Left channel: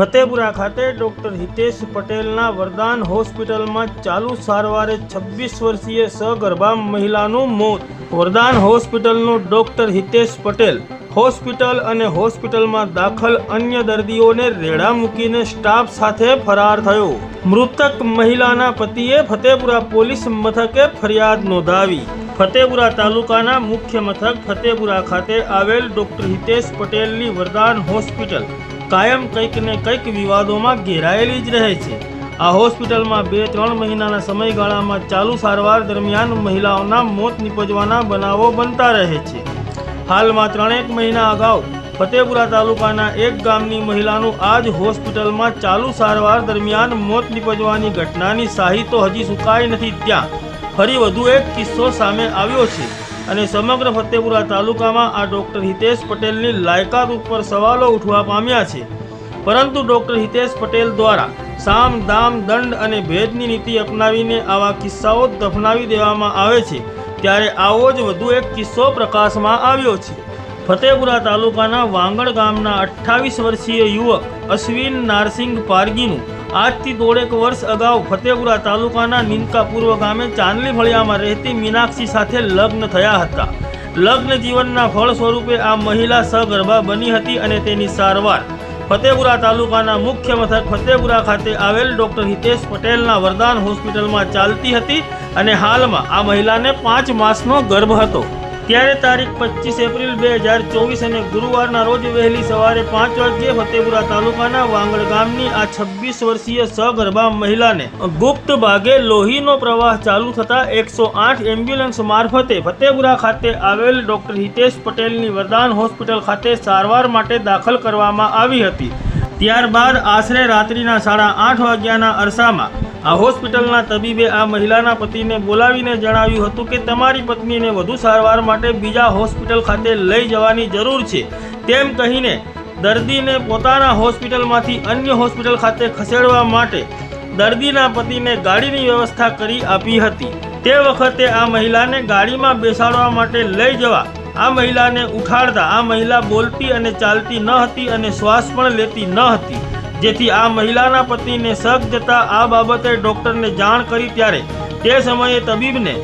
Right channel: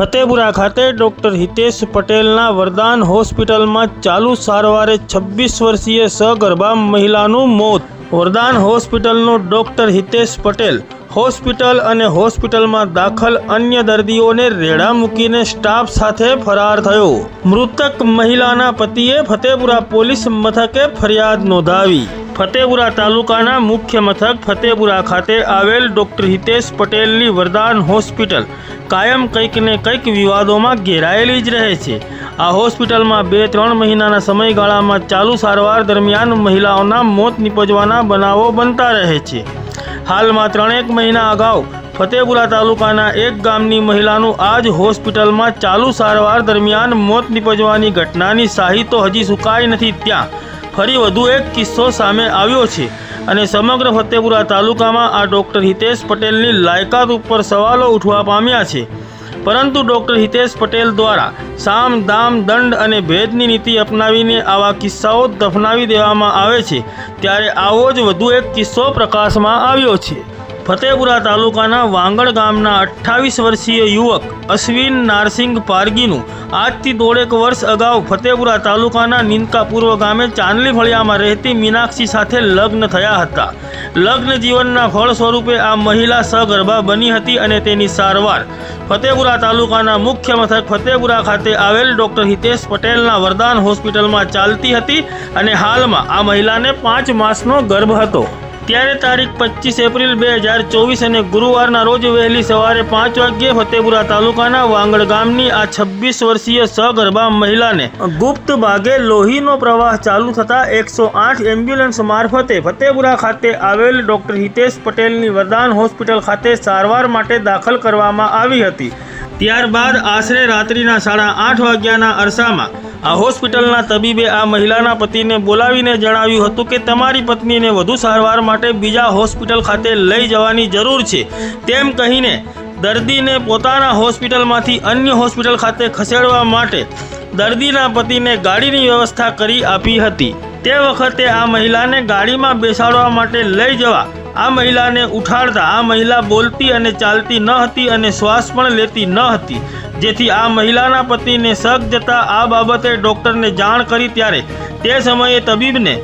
ફતેપુરા ખાતે ડોક્ટર હિતેશ પટેલના વરદાન હોસ્પિટલમાં ચાલુ સારવારે 26 વર્ષીય સગર્ભા મહિલાનું મોત। વરદાન હોસ્પિટલનો ડોક્ટર હિતેશ પટેલ હોસ્પિટલ અને હોસ્પિટલમાં દાખલ અન્ય દર્દીઓને રેડા મૂકીને સ્ટાફ સાથે ફરાર થયો। મૃતક મહિલાના પતિએ ફતેપુરા પોલીસ મથકે ફરિયાદ નોંધાવી। ફતેપુરા તાલુકાના મુખ્ય મથક ફતેપુરા ખાતે આવેલ ડોક્ટર હિતેશ પટેલની વરદાન હોસ્પિટલ કાયમ કંઈક ને કંઈક વિવાદોમાં ઘેરાયેલી જ રહે છે। આ હોસ્પિટલમાં 2-3 મહિનાના સમયગાળામાં ચાલુ સારવાર દરમિયાન મહિલાઓના મોત નિપજવાના બનાવો બનતા રહે છે। હાલમાં 3 મહિના અગાઉ ફતેપુરા તાલુકાના એક ગામની મહિલાનું આ જ હોસ્પિટલમાં ચાલુ સારવાર દરમિયાન મોત નિપજવાની ઘટનાની શાહી તો હજી સુકાઈ નથી, ત્યાં ફરી વધુ એક કિસ્સો સામે આવ્યો છે અને સમગ્ર ફતેપુરા તાલુકામાં આ ડોક્ટર હિતેશ પટેલની લાયકાત ઉપર સવાલો ઉઠવા પામ્યા છે। પરંતુ ડોક્ટર હિતેશ પટેલ દ્વારા સામ દામ દંડ અને ભેદની નીતિ અપનાવીને આવા કિસ્સાઓ દફનાવી દેવામાં આવે છે, ત્યારે આવો જ વધુ એક કિસ્સો પ્રકાશમાં આવ્યો છે। ફતેપુરા તાલુકાના વાંગડ ગામના 28 વર્ષીય યુવક અશ્વિન નારસિંગ પારગીનું આજથી 1.5 વર્ષ અગાઉ ફતેપુરા તાલુકાના નિંદકા પૂર્વ ગામે ચાંદલી ફળિયામાં રહેતી મીનાક્ષી સાથે લગ્ન થયા હતા। લગ્ન જીવનના ફળ સ્વરૂપે આ મહિલા સગર્ભા બની હતી અને તેની સારવાર ફતેપુરા તાલુકાના મુખ્ય મથક ફતેપુરા ખાતે આવેલ ડોક્ટર હિતેશ પટેલના વરદાન હોસ્પિટલમાં ચાલતી હતી અને હાલમાં આ મહિલાને 5 માસનો ગર્ભ હતો। ત્યારે તારીખ 25 એપ્રિલ 2024 અને ગુરુવારના રોજ વહેલી સવારે 5 વાગ્યે ફતેપુરા તાલુકાના વાંગડ ગામની આ 26 વર્ષીય સગર્ભા મહિલાને ગુપ્ત ભાગે લોહીનો પ્રવાહ ચાલુ થતાં 108 એમ્બ્યુલન્સ મારફતે ફતેપુરા ખાતે આવેલ ડોક્ટર હિતેશ પટેલની વરદાન હોસ્પિટલ ખાતે સારવાર માટે દાખલ કરવામાં આવી હતી। ત્યારબાદ આશરે રાત્રિના 8:30 વાગ્યાના અરસામાં આ હોસ્પિટલના તબીબે આ મહિલાના પતિને બોલાવીને જણાવ્યું હતું કે તમારી પત્નીને વધુ સારવાર માટે બીજા હોસ્પિટલ ખાતે લઈ જવાની જરૂર છે, તેમ કહીને દર્દીને પોતાના હોસ્પિટલમાંથી અન્ય હોસ્પિટલ ખાતે ખસેડવા માટે દર્દીના પતિને ગાડીની વ્યવસ્થા કરી આપી હતી। તે વખતે આ મહિલાને ગાડીમાં બેસાડવા માટે લઈ જવા આ મહિલાને ઉઠાડતા આ મહિલા બોલતી અને ચાલતી ન હતી અને શ્વાસ પણ લેતી ન હતી, જેથી આ મહિલાના પતિને શક જતા આ બાબતે ડૉક્ટરને જાણ કરી, ત્યારે તે સમયે તબીબને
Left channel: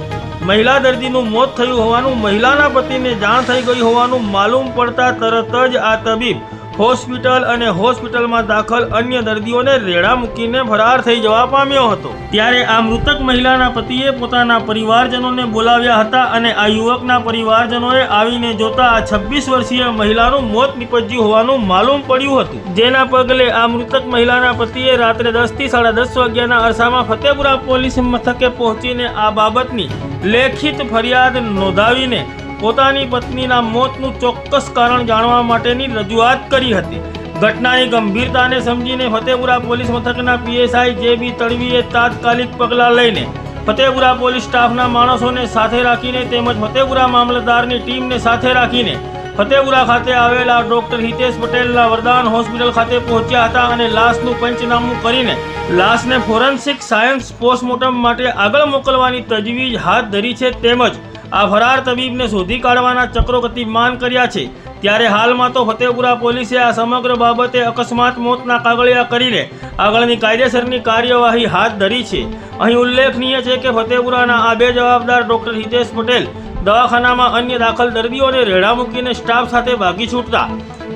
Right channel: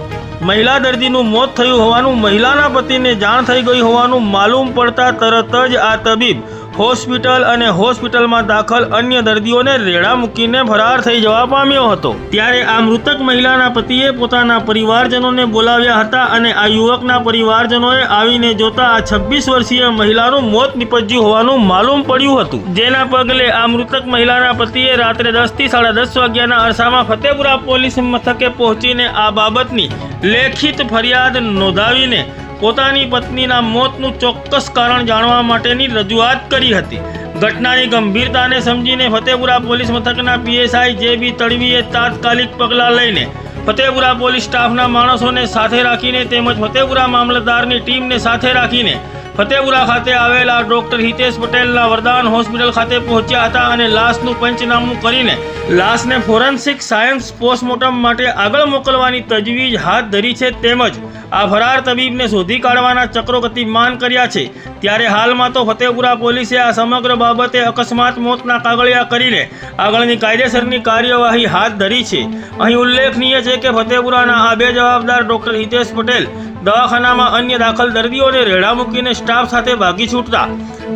મહિલા દર્દીનું મોત થયું હોવાનું મહિલાના પતિને જાણ થઈ ગઈ હોવાનું માલુમ પડતા તરત જ આ તબીબ હોસ્પિટલ અને હોસ્પિટલમાં દાખલ અન્ય દર્દીઓને રેડા મૂકીને ફરાર થઈ જવા પામ્યો હતો। ત્યારે આ મૃતક મહિલાના પતિએ પોતાના પરિવારજનોને બોલાવ્યા હતા અને આ યુવકના પરિવારજનોએ આવીને જોતા આ 26 વર્ષીય મહિલાનું મોત નિપજ્યું હોવાનું માલુમ પડ્યું હતું, જેના પગલે આ મૃતક મહિલાના પતિએ રાત્રે 10 થી 10:30 વાગ્યાના અરસામાં ફતેપુરા પોલીસ મથકે પહોંચીને આ બાબતની લેખિત ફરિયાદ નોંધાવીને પોતાની પત્નીના મોતનું ચોક્કસ કારણ જાણવા માટેની રજૂઆત કરી હતી। ઘટનાની ગંભીરતાને સમજીને ફતેપુરા પોલીસ મથકના પીએસઆઈ જે.બી. તડવીએ તાત્કાલિક પગલાં લઈને ફતેપુરા પોલીસ સ્ટાફના માણસોને સાથે રાખીને તેમજ ફતેપુરા મામલતદારની ટીમને સાથે રાખીને ફતેપુરા ખાતે આવેલા ડોક્ટર હિતેશ પટેલના વરદાન હોસ્પિટલ ખાતે પહોંચ્યા હતા અને લાશનું પંચનામું કરીને લાશને ફોરેન્સિક સાયન્સ પોસ્ટમોર્ટમ માટે આગળ મોકલવાની તજવીજ હાથ ધરી છે, તેમજ આ ફરાર તબીબને શોધી કાઢવાના ચક્રો ગતિમાન કર્યા છે। ત્યારે હાલમાં તો ફતેપુરા પોલીસે આ સમગ્ર બાબતે અકસ્માત મોતના કાગળિયા કરીને આગળની કાયદેસરની કાર્યવાહી હાથ ધરી છે। અહીં ઉલ્લેખનીય છે કે ફતેપુરાના આ 2 જવાબદાર ડોક્ટર હિતેશ પટેલ દવાખાનામાં અન્ય દાખલ દર્દીઓને રેડા મૂકીને સ્ટાફ સાથે ભાગી છૂટતા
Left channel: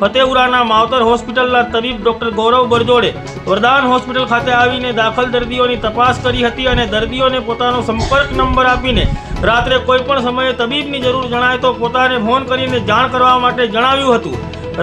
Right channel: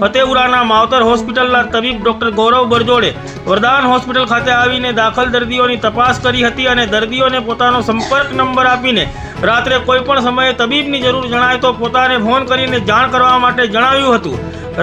ફતેપુરાના માવતર હોસ્પિટલના તબીબ ડોક્ટર ગૌરવ બરજોડે વરદાન હોસ્પિટલ ખાતે આવીને દાખલ દર્દીઓની તપાસ કરી હતી અને દર્દીઓને પોતાનો સંપર્ક નંબર આપીને રાત્રે કોઈ પણ સમયે તબીબની જરૂર જણાય તો પોતાને ફોન કરીને જાણ કરવા માટે જણાવ્યું હતું।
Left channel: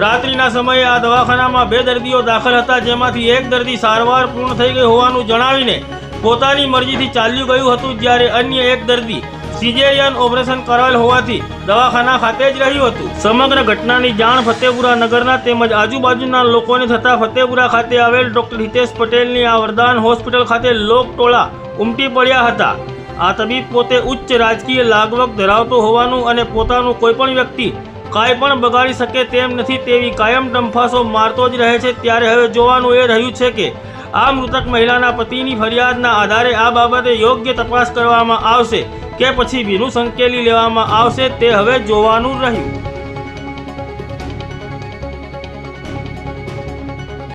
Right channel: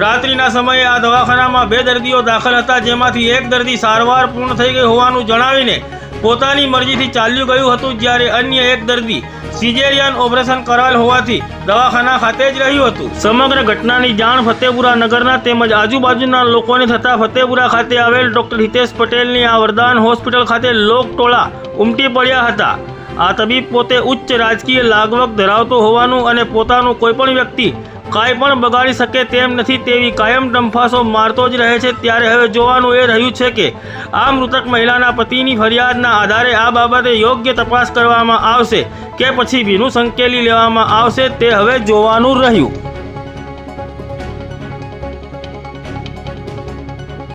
રાત્રિના સમયે આ દવાખાનામાં 2 દર્દીઓ દાખલ હતા, જેમાંથી એક દર્દી સારવાર પૂર્ણ થઈ ગઈ હોવાનું જણાવીને પોતાની મરજીથી ચાલ્યું ગયું હતું, જ્યારે અન્ય એક દર્દી સિઝેરિયન ઓપરેશન કરાવેલ હોવાથી દવાખાના ખાતે જ રહ્યું હતું। સમગ્ર ઘટનાની જાણ ફતેપુરા નગરના તેમજ આજુબાજુના લોકોને થતાં ફતેપુરા ખાતે આવેલ ડોક્ટર હિતેશ પટેલની આ વરદાન હોસ્પિટલ ખાતે લોકટોળા ઉમટી પડ્યા હતા। આ તબીબ પોતે ઉચ્ચ રાજકીય લાગવગ ધરાવતો હોવાનું અને પોતાનું કોઈપણ વ્યક્તિ કાંઈ પણ બગાડી શકે તેમ નથી તેવી કાયમ ડંફાસો મારતો જ રહે છે। ત્યારે હવે જોવાનું એ રહ્યું છે કે આ મૃતક મહિલાના પતિની ફરિયાદના આધારે આ બાબતે યોગ્ય તપાસ કરવામાં આવશે કે પછી ભીનું સંકેલી લેવામાં આવશે, તે હવે જોવાનું રહ્યું।